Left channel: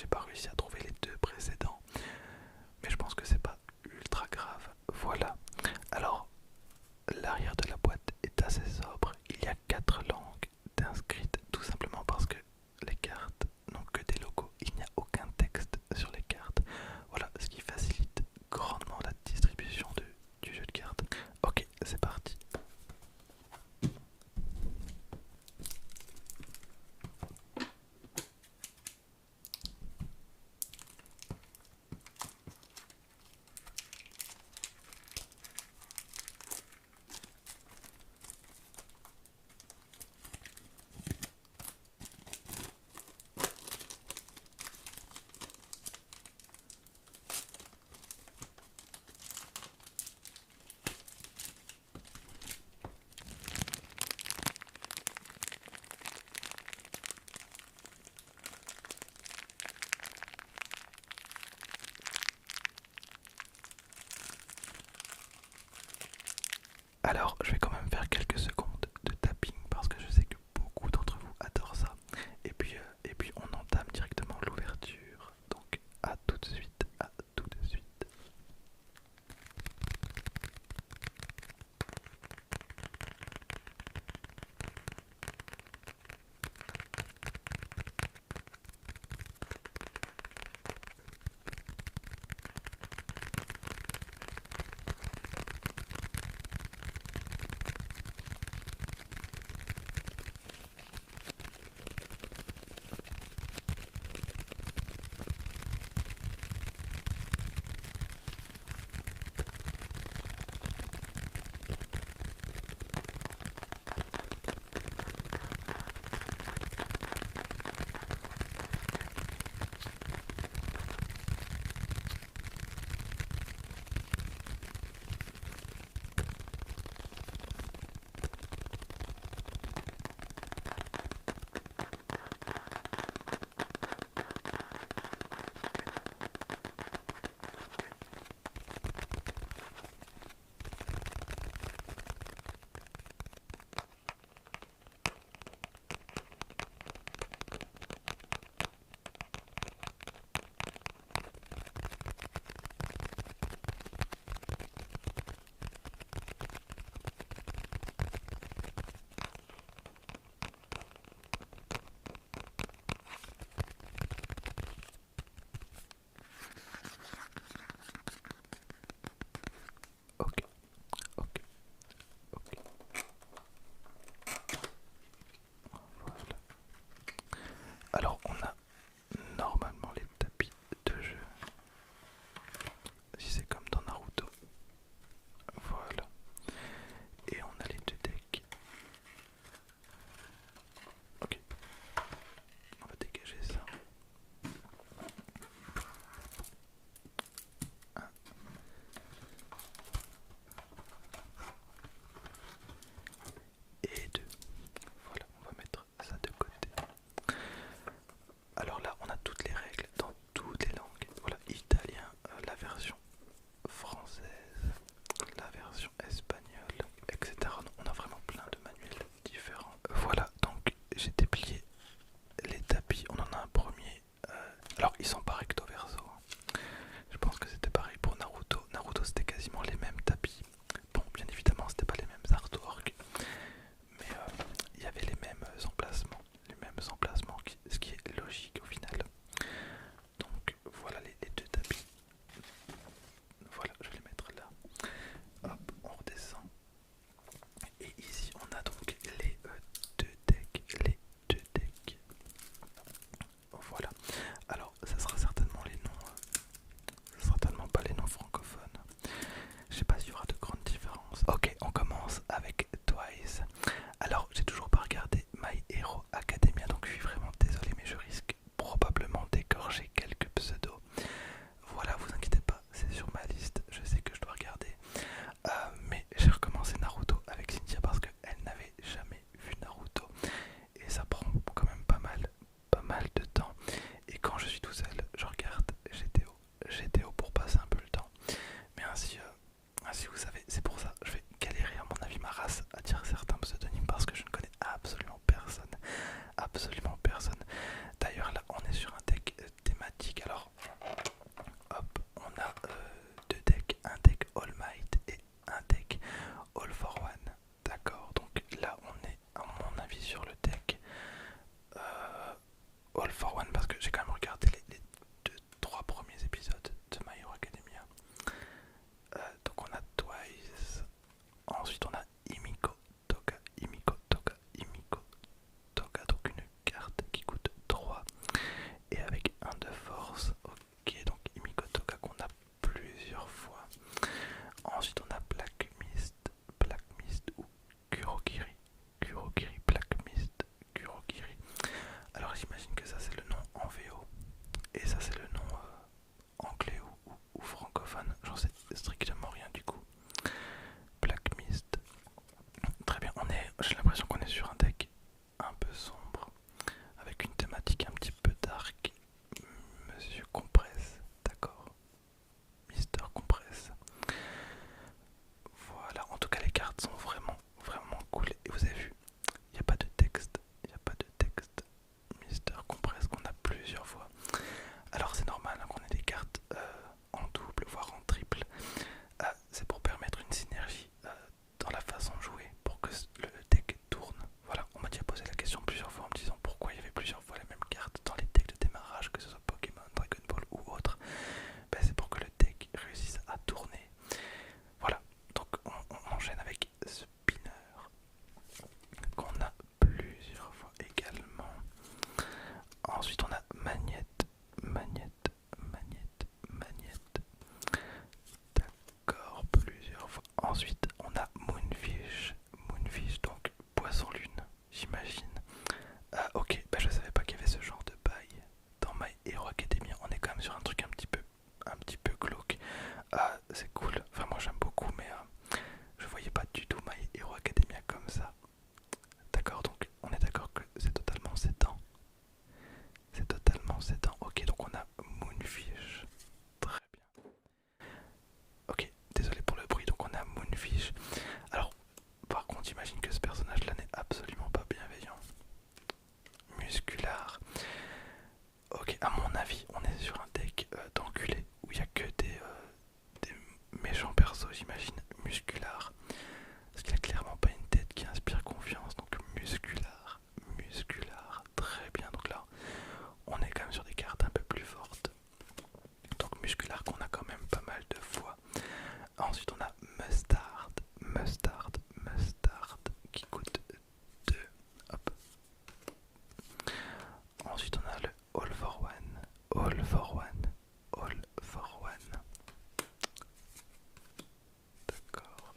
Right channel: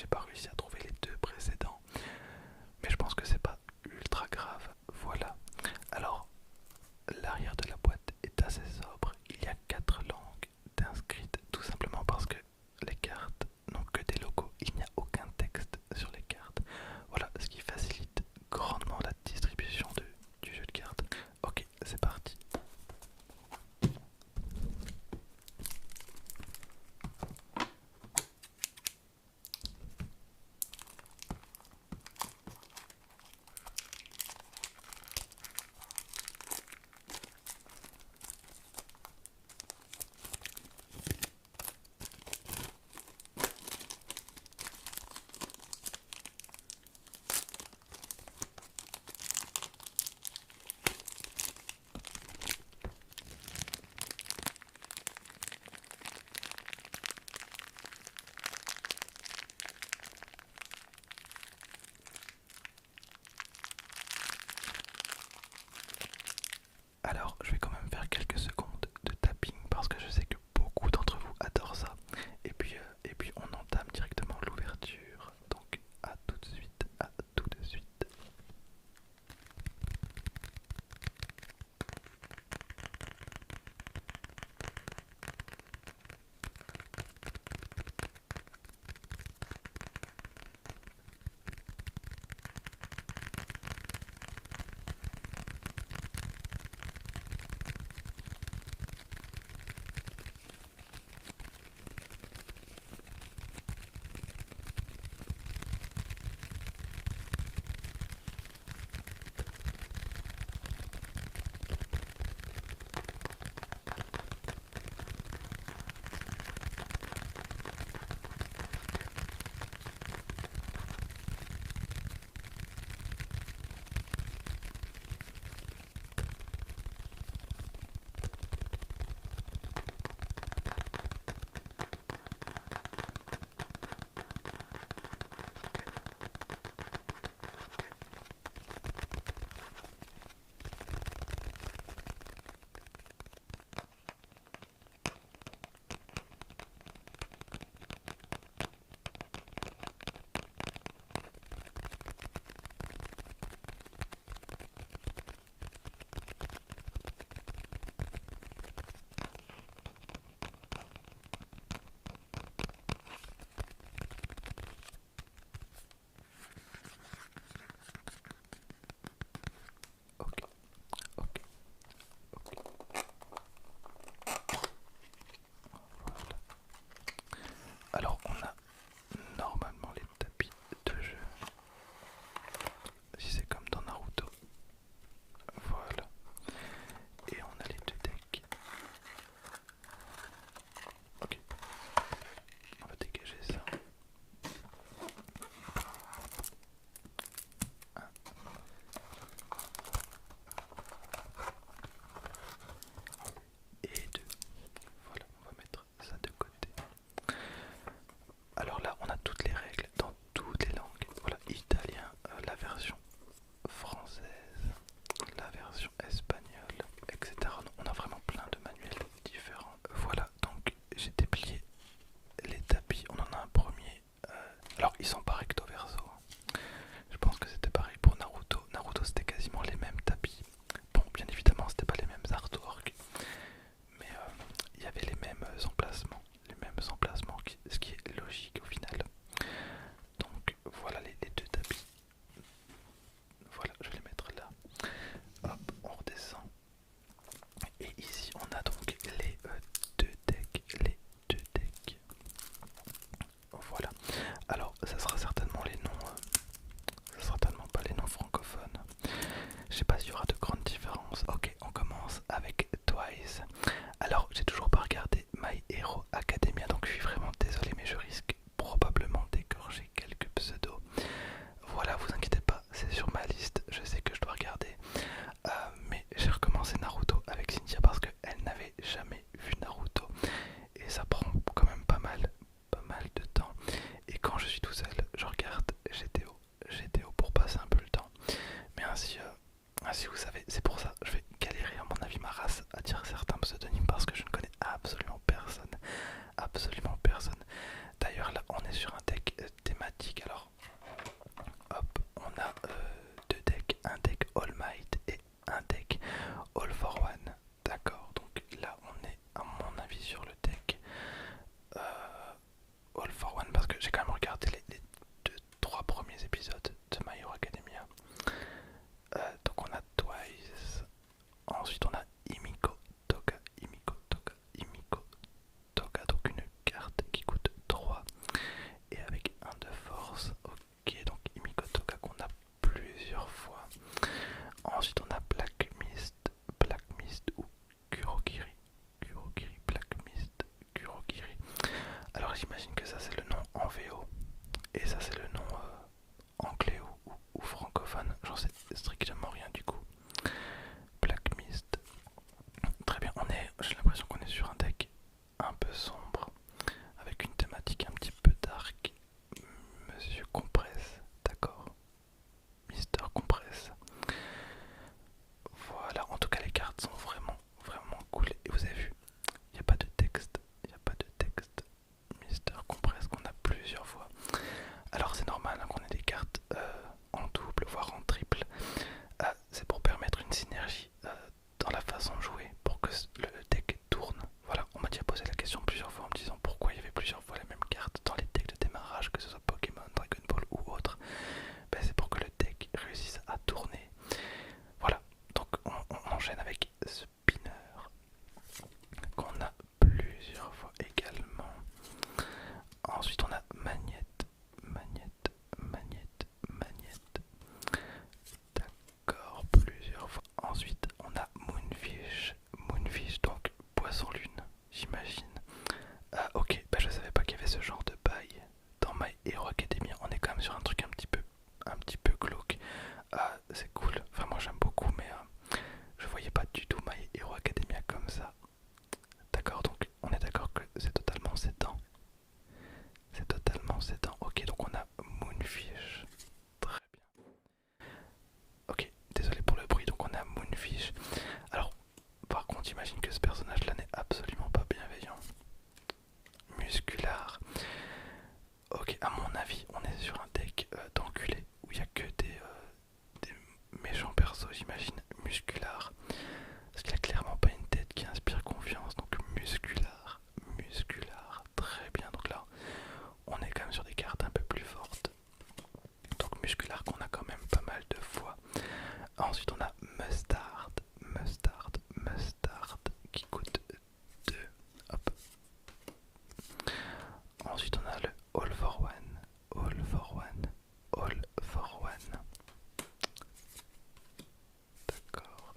j'ai pas réussi à trouver les deux précédents, mais je pense que c'est pas ultra grave. Voilà. Alors, l'arrière de la boîte est assez sobre. Il y a 4 langues inscrites, tout simplement parce que les cartes n'ont que des logos. Il n'y a aucun texte sur les cartes. Voilà, ce qui facilite grandement la distribution du jeu de cartes. Ok, c'est parti. Alors, je vais quand même faire quelques secondes de tapping parce que je sais que beaucoup d'entre vous adorent ça. Et puis on entame directement l'ouverture. Donc, à tout de suite, à tout de suite. Ok, ok, ok. Voilà. Alors, on a normalement les tapis de jeu. Si c'est comme dans Naruto. Voilà. Et on a les deux decks. Ok, on va dégager ça. Et deux. Voilà, on va mettre ça de côté. Alors là, on a toutes les règles dans toutes les langues. Voilà, italien, la version française, la version espagnole, etc. On a vraiment plein de manuels différents. Voilà, donc j'ai déplié les tapis. On en a un premier. Alors, ils sont pas recto verso, hein. Je pense que c'était pareil pour Naruto. Naruto, c'était quasiment les mêmes tapis. Bon, bien évidemment, c'était pas les mêmes artworks, mais il y avait les mêmes emplacements. Les mêmes emplacements, ce qui est logique au final. Donc voilà les deux tapis. Voilà, je vais les mettre là. Hop, on redescend. Et ici on a donc les deux decks. Les deux decks. Voilà. Alors ça sera certainement regardé les 2-3 premiers épisodes de My Hero Academia. Donc on a Twice, ensuite on a Himiko Toga, Himiko Toga, Himiko Toga, donc une carte qui coûte 3 et avec un de force. Ok, donc Himiko Toga qu'on a plusieurs fois. Ensuite on a Black Mist ou Kurogiri, Kurogiri, Black Mist, Kurogiri. Alors j'imagine que ça c'est le nom en VO et ça c'est le nom anglais ou francophone, j'en sais strictement rien du coup. Black Mist, très bien, j'ai l'impression qu'on est sur un deck un peu sombre, avec une thématique un petit peu dark. Monsieur Compresse, d'accord. Mister Compresse. Voilà, en tout cas les cartes sont vraiment cool. Et vous avez vu, il n'y a pas de texte, il n'y a pas de texte. Mister Compresse qu'on a plusieurs fois. Alors c'est normal hein, qu'on ait des cartes en double, voire en triple. C'est pour permettre une synergie dans la façon de jouer, pour que le deck tourne. Voilà, on m'a déjà posé la question plusieurs fois en me disant pourquoi il y avait plusieurs fois les mêmes cartes dans les decks de démarrage, que ce soit Pokémon, Dragon Ball ou autre. Ben, c'est pour que le deck réussisse à tourner. Voilà, donc on enchaîne avec Spinner, qu'on a plusieurs fois également. Ensuite on a Magnette, Magnette, Magnette, Magnette. D'accord, plusieurs fois. Ensuite on a Moonfish, Moonfish, donc poisson lune, j'imagine. Ah ok, bah je savais pas qu'il y avait ce genre de bail dans My Hero Academia. On est quand même sur un truc un petit peu glauque. Ah c'est cool, enfin moi j'aime beaucoup, mais je voyais pas du tout My Hero Academia comme ça. D'accord, donc on est d'accord que c'est totalement sédan. C'est totalement sédan. Ok, donc on a Moonfish. Très bien. Ok, désolé pour le bruit, donc on a Moonfish. Alors, par contre, j'imagine que ce personnage-là n'est absolument pas bienveillant. Muscular. Ok, à mon avis, on est sur un deck d'enculés où il n'y a que des méchants persos, j'imagine. Muscular. Parce qu'il a clairement pas une tête qui inspire confiance, donc muscular. Muscular. Très bien, donc là, on est quand même sur des cartes un peu plus fortes. Donc muscular qu'on a quand même pas mal de fois. Ensuite on a Mustard, Mustard, Mustard qui coûte 2. Hop. Ensuite on a le All for One, All for One, All for One. D'accord.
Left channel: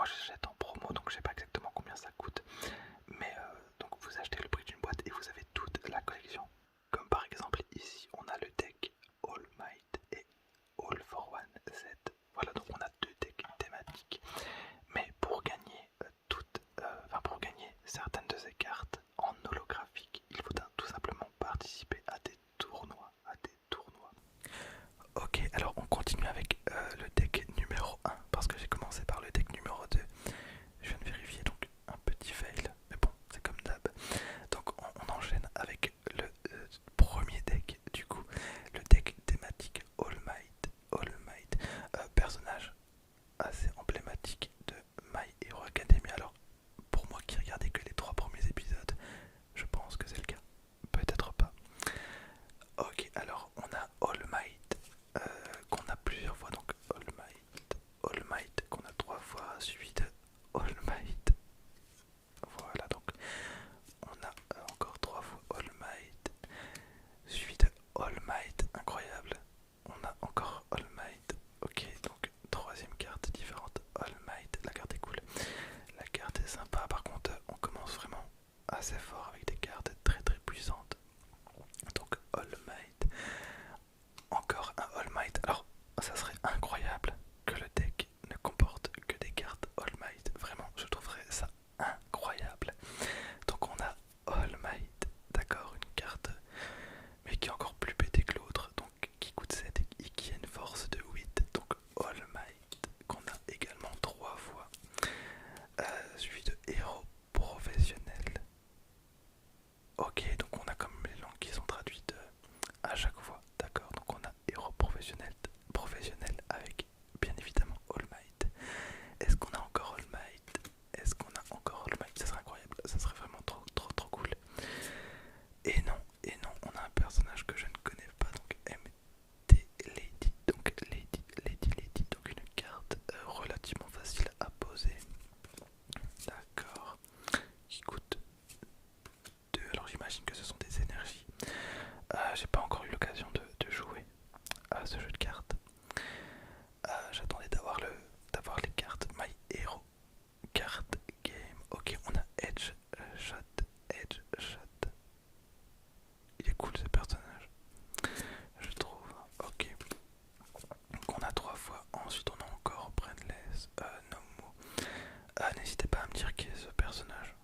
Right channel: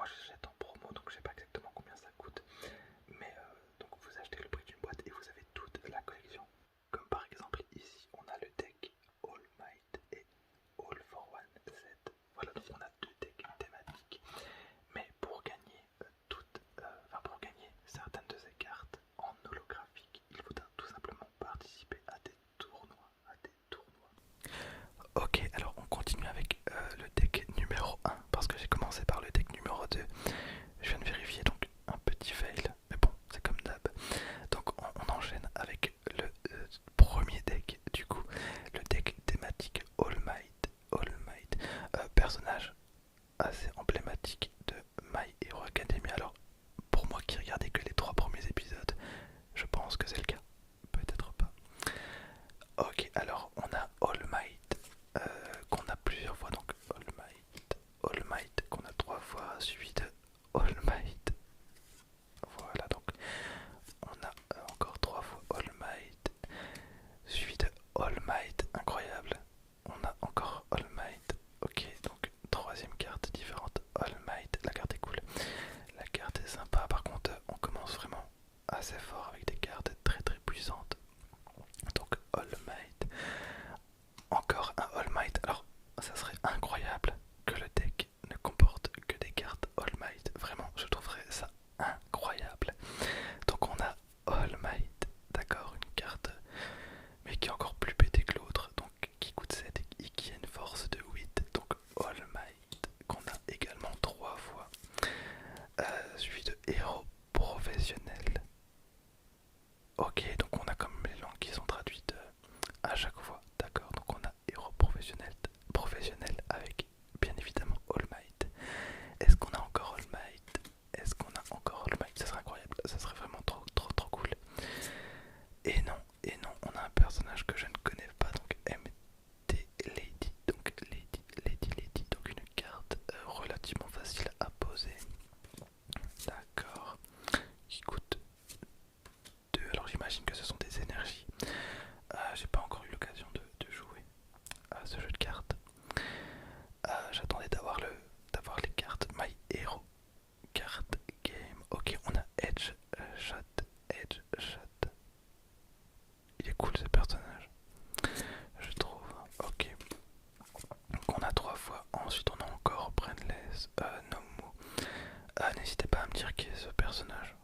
moi j'achète en promo, donc je sais pas exactement combien ça coûte. Mais donc vous achetez le prix d'une boîte et vous avez toute la collection. Comme par exemple ici, on a le deck All Might et All for One Z. Voilà, donc on a deux decks thématiques. Mais pour gagner pour gagner certaines de ces cartes en holographique, il faut tout simplement participer à des tournois. Ok, alors on continue avec le deck numéro 1 parce que j'ai commencé par le deck numéro 2. Je viens de vérifier, donc un petit fail, mais bon, c'est comme d'hab. Donc on enchaîne avec le premier deck, du coup, le deck thématique All Might. All Might, personnage assez emblématique de My Hero Academia. Alors, pour moi qui regardais que les 3 premiers épisodes, je pense que c'est le cas. Peut-être pas. Ok, alors on a All Might, qu'on a plusieurs fois, donc All Might qu'on a 3 fois, suivi de All Might. Voilà, donc on a encore 3 fois All Might, suivi de All Might, incroyable. On a encore All Might, ok, donc troisième carte différente, All Might, la carte est cool. La carte est sympa, par contre on commence vraiment assez fort avec des cartes très très puissantes. Donc All Might, encore un All Might. Alors ça serait incroyable que le deck ne comporte que des cartes All Might. Vraiment, je trouverais ça incroyable. Donc on a All Might, d'accord, une carte mais qui est encore plus pétée que l'autre, donc qui coûte 7 et qui a une force de 8. Donc All Might qu'on a également 3 fois, suivi de héros professionnel. Ok, donc on a comme les langues qui sont traduites à chaque fois, d'accord. Donc on a héros professionnel avec bien évidemment All Might. Est-ce qu'on a encore All Might? Est-ce qu'on a encore All Might? Ça serait incroyable, ça serait vraiment trop trop trop cool. Et non, on a un personnage que je ne connais pas, donc MT Lady, donc Lady, donc une carte relativement facile à poser. D'accord, qui coûte 2, alors j'imagine que ce sont des énergies. J'ai pas encore eu l'occasion de jouer à ce jeu de cartes. J'attendais d'avoir les cartes My Hero Card Game. Ok, on a Edge Shot. Il est cool ce personnage, je trouve. Ok, donc on a 3 fois. Ensuite on a encore Brainless, Nomu. N'hésitez pas à me dire qui est ce personnage.